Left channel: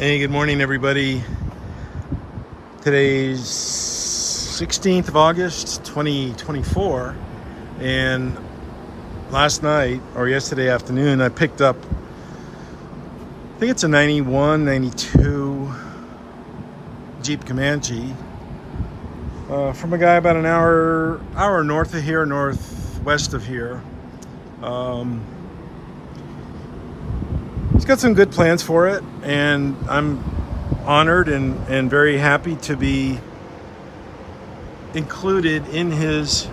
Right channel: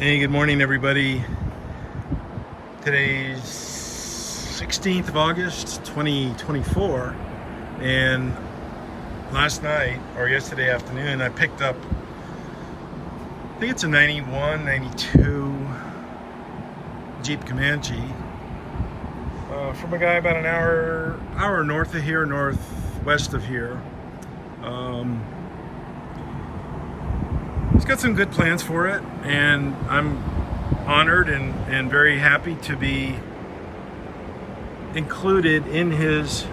Hey, good morning, everybody. Today's 16th of August, 2024, and last night, or yesterday afternoon, I picked up, I think it's a 91, 92 Jeep Comanche from a guy about an hour north of here, northwest of here. He's got some good plans for it, and I'm honored and very happy to be included in his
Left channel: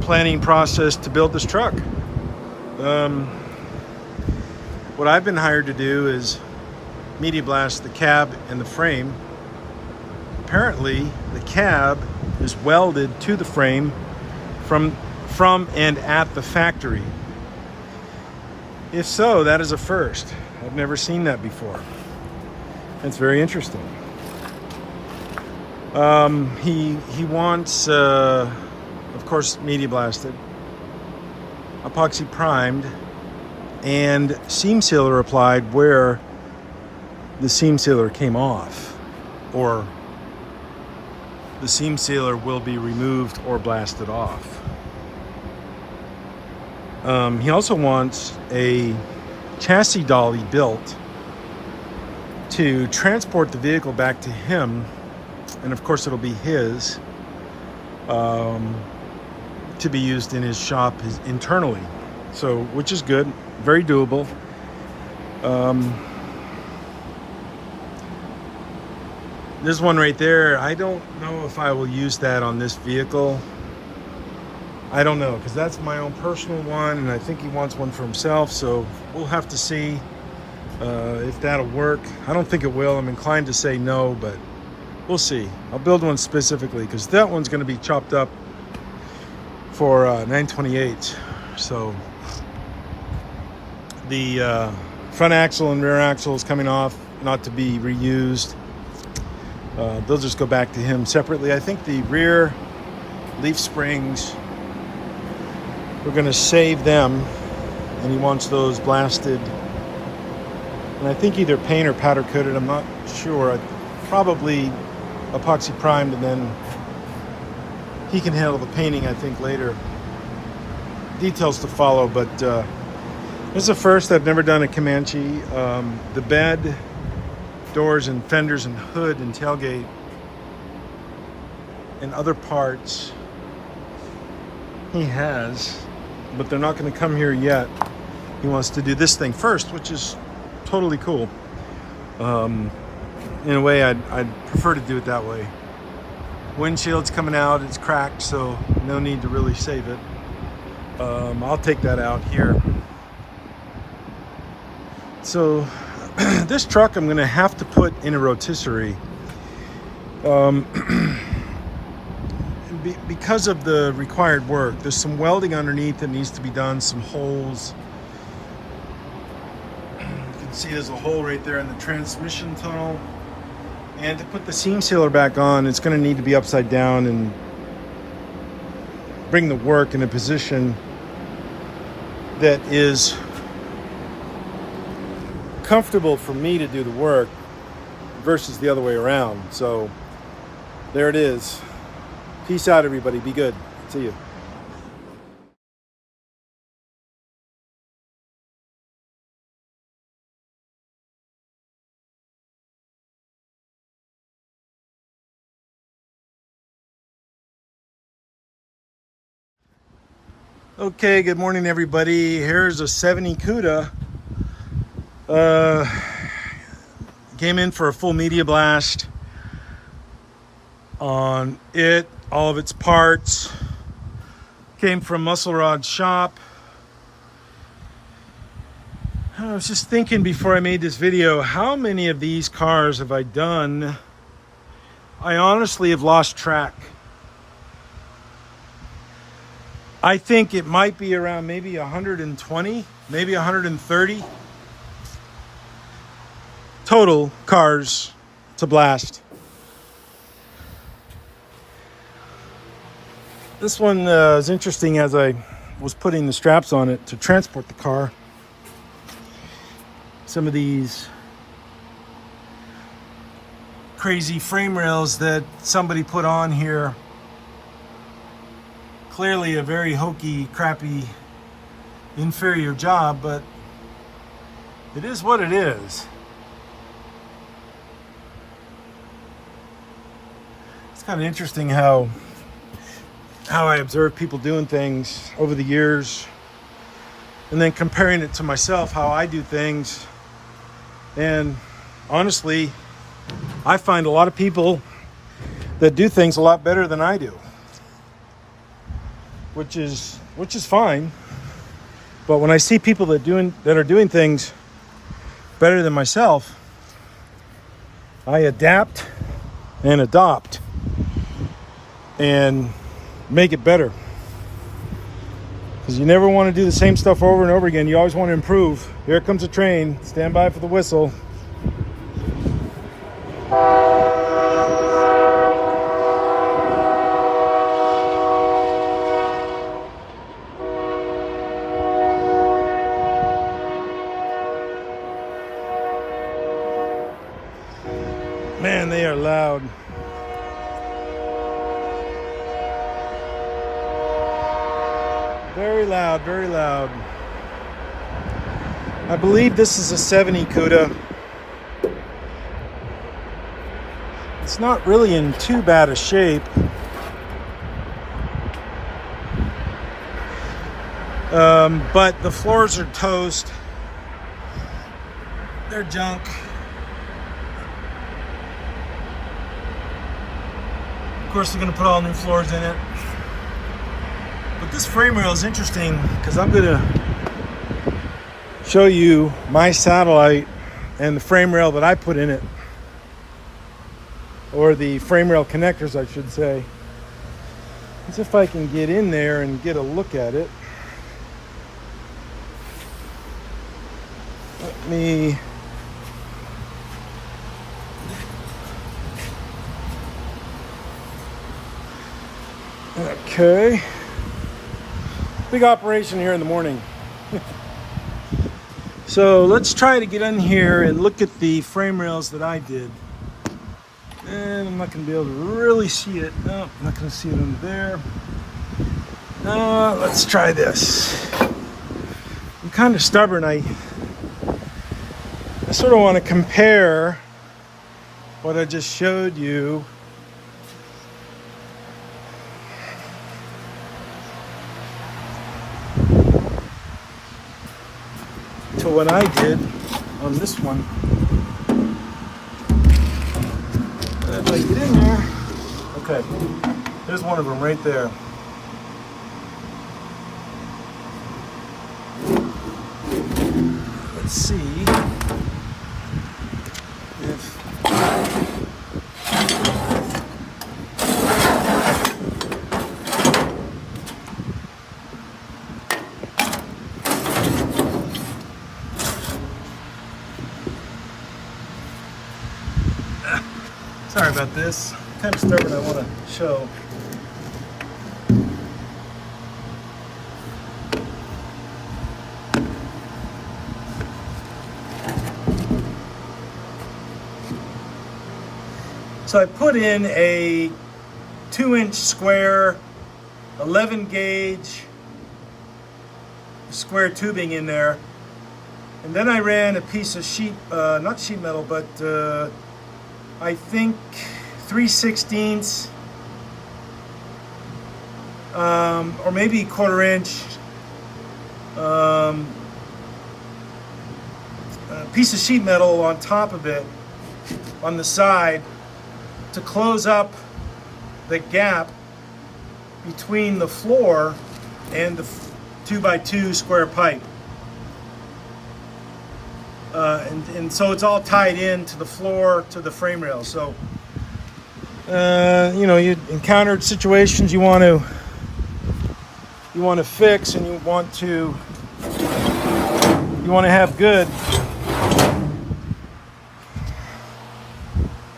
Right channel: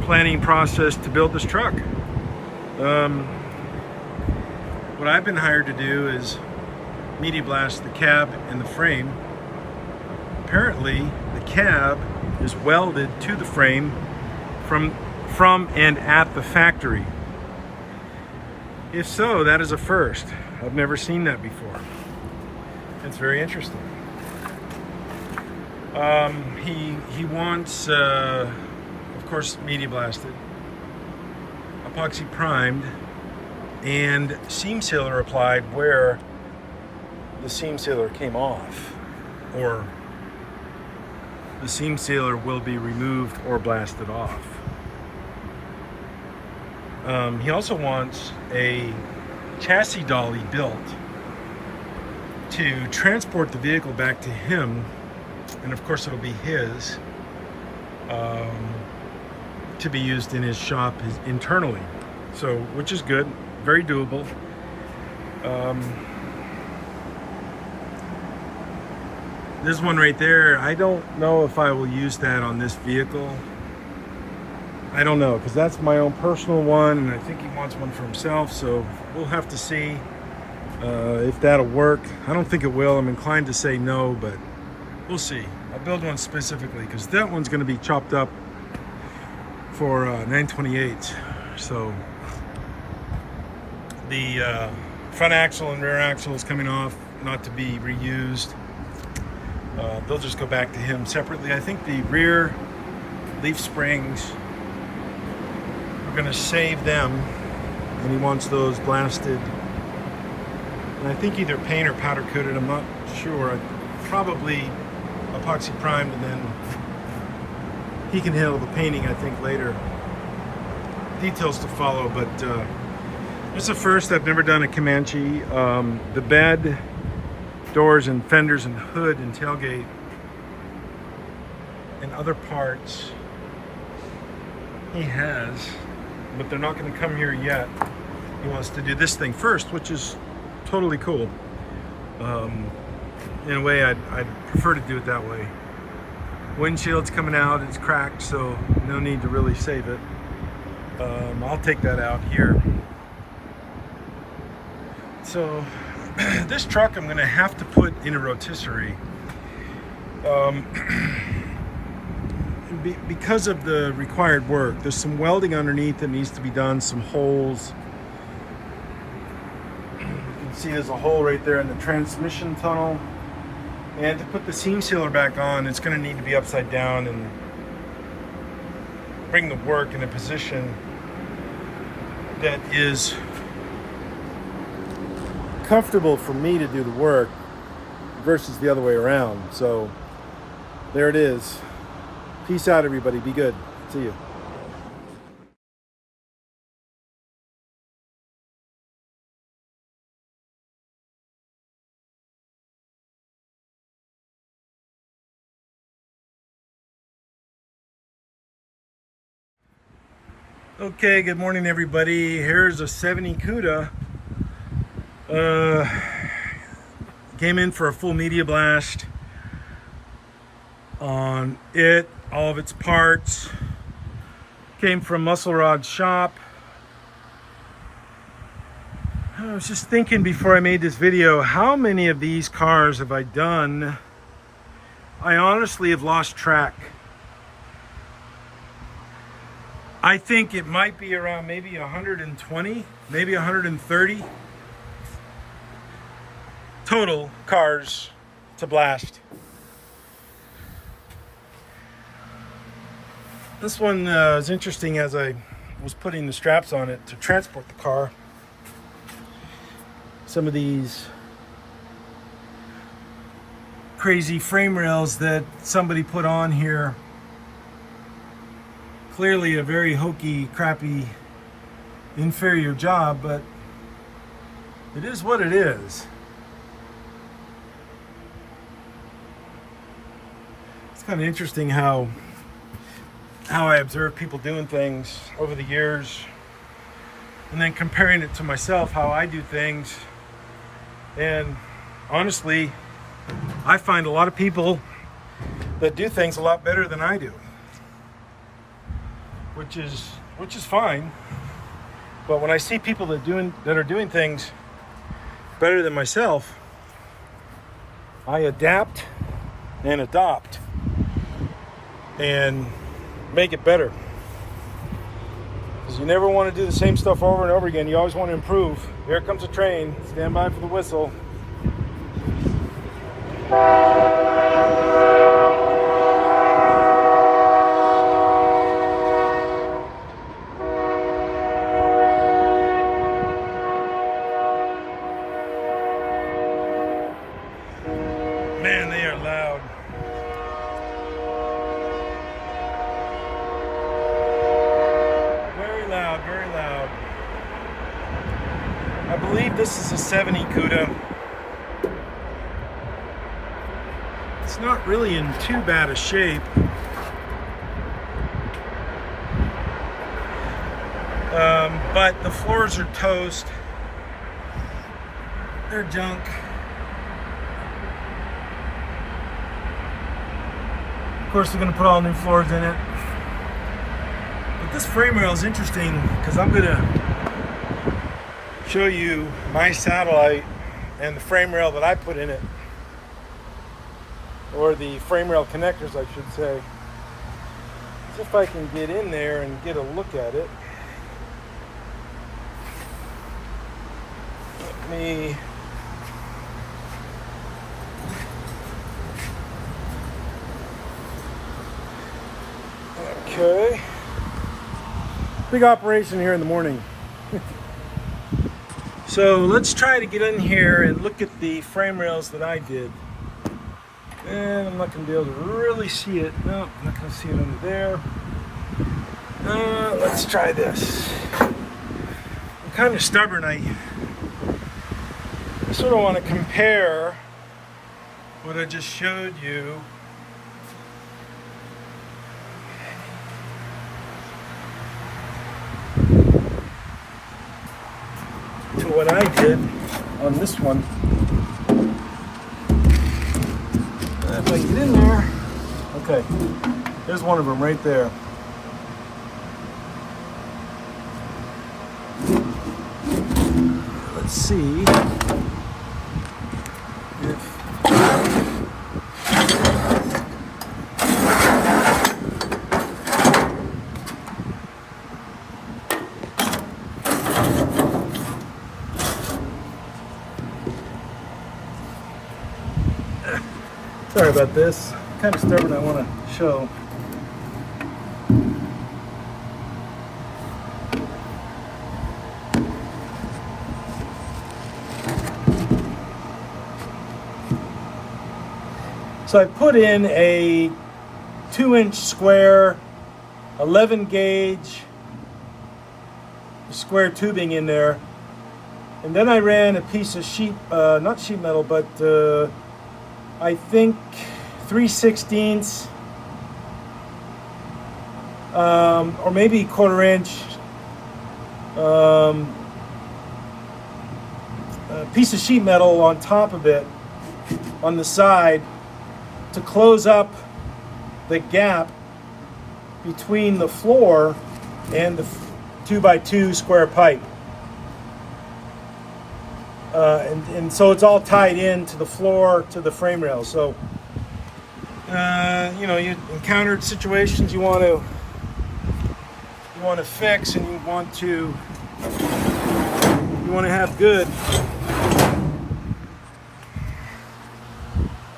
planning process to build this truck. What I've been hired to do is media blast the cab and the frame. Apparently, the cab is welded to the frame from and at the factory. If so, that is a first. I've never seen that before. It's very interesting. He wants, of course, media blasted, epoxy primed, and seam sealer applied where the seam sealer came off, or the seam sealer will be removed or blasted off. He also wants a chassis dolly built to transport the vehicle back to him, and of course it'll be his, to be used in his shop internally. So, which is good, very doable. This one right there, I don't know if I will use that on this vehicle. I don't know, because that's my own personal one, and I think he wants one for himself, so we'll have to see if that'll work. I don't think it will. I'm inclined to say no, but we'll see. I'll build one specifically, because that one's going to be chopped up for 928. So the front axle and rear axle is coming off, not to be reused. They'll just go back to him separately. I think the rear leaf springs, we're going to save them, and he wants those blasted, and I think either paint or powder coated. I'm not sure. Probably epoxy primed, and then he can handle the painting, I think, later. Details to follow, but this is the first. I've never done a Comanche. The bed, doors and fenders and hood and tailgate and other parts he has, but they're not going to come here yet. He wants to do this thing first, which is totally cool. In a way, I'd prefer to do it that way. Windshield's coming out, it's cracked, so no need to really save it. I'll take that out here. So this truck I'm going to have to put in a rotisserie. Because of the required work. There's some welding underneath that needs to be done, some holes. You can see there's a hole right there in the transmission tunnel. And to put the seam sealer back on, it's going to need to be upside down and bring the work in a position that is comfortable for me to do the work versus the other way around. So there it is. Peace out, everybody. Be good. See you. Okay, good morning, everybody. Here's a 70 CUDA. Came in for a full media blast on it. All of its parts came from Muscle Rod's shop. I was just thinking before I made this video, how many of these cars have I done? I honestly have lost track. I think it might be around maybe 120, maybe 130 total cars to blast. This one is interesting as I was putting the straps on it to transport the car. Some of these crazy frame rails that somebody put on here. Clearly a very hokey, crappy, inferior job, but it is what it is. It's kind of interesting how I observe people doing things over the years, and then comparing it to myself, how I do things. And honestly, I find a lot of people that do things a lot better than I do, which is fine. But when I see people that are doing things better than myself, I adapt and adopt and make it better. Because you never want to do the same stuff over and over again. You always want to improve. Here comes a train. Stand by for the whistle. Man, they are loud. Very loud, very loud. I believe this is a 70 CUDA. It's not really in too bad a shape. But the floors are toast. They're junk. Of course, we're going to put all new floors in it. But this frame rail is interesting because I'm going to show you my satellite and the frame rail that I put in it, or the frame rail connectors, I should say. Let's see if I can get in there and get a look at it. Let me... Okay. Big operation here in the morning. So let's try to get in here and look at the frame rails that I did. And I'm not going to be able to really see it. No, I'm not going to see it under there. Let's try this. I'm kind of stubborn. I sort of want to compare what I just showed you to what I did on this one. If I get in there, okay, there's one of them right there. Let's see if sorry about this. I'm kind of stubborn. I want to show. So I put in a 2-inch square, 11 gauge square tubing in there, and then I ran a piece of not sheet metal, but I think 3/16 or maybe 1/4 inch piece of sheet metal on top of it on the side to close up the gap between the floor and the 2x2 square pipe. And so it's all tied into the floor to the frame rail. So, you know, you encountered situations you want to fix, and you want to have good,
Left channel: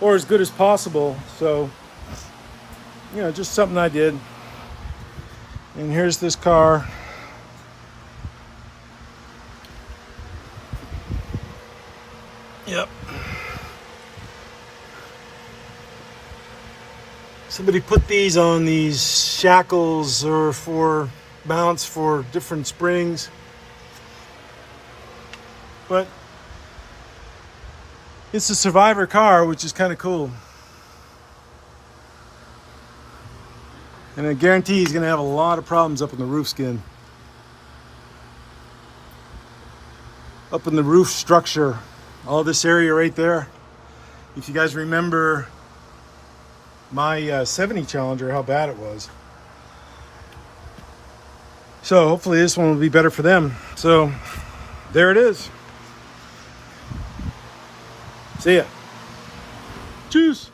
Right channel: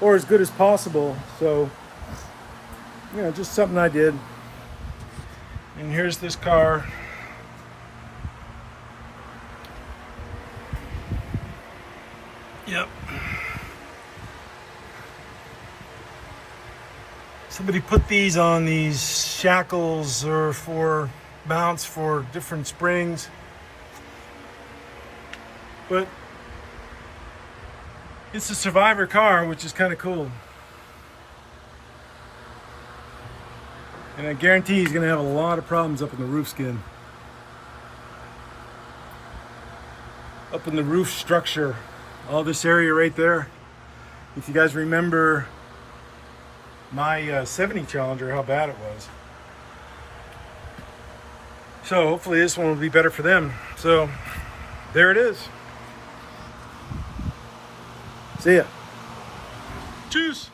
or as good as possible. So, you know, just something I did. And here's this car. Yep. Somebody put these on these shackles or for mounts for different springs. But it's a survivor car, which is kind of cool. And I guarantee he's going to have a lot of problems up in the roof skin. Up in the roof structure. All this area right there. If you guys remember my 70 Challenger, how bad it was. So hopefully this one will be better for them. So there it is. See ya. Tschüss.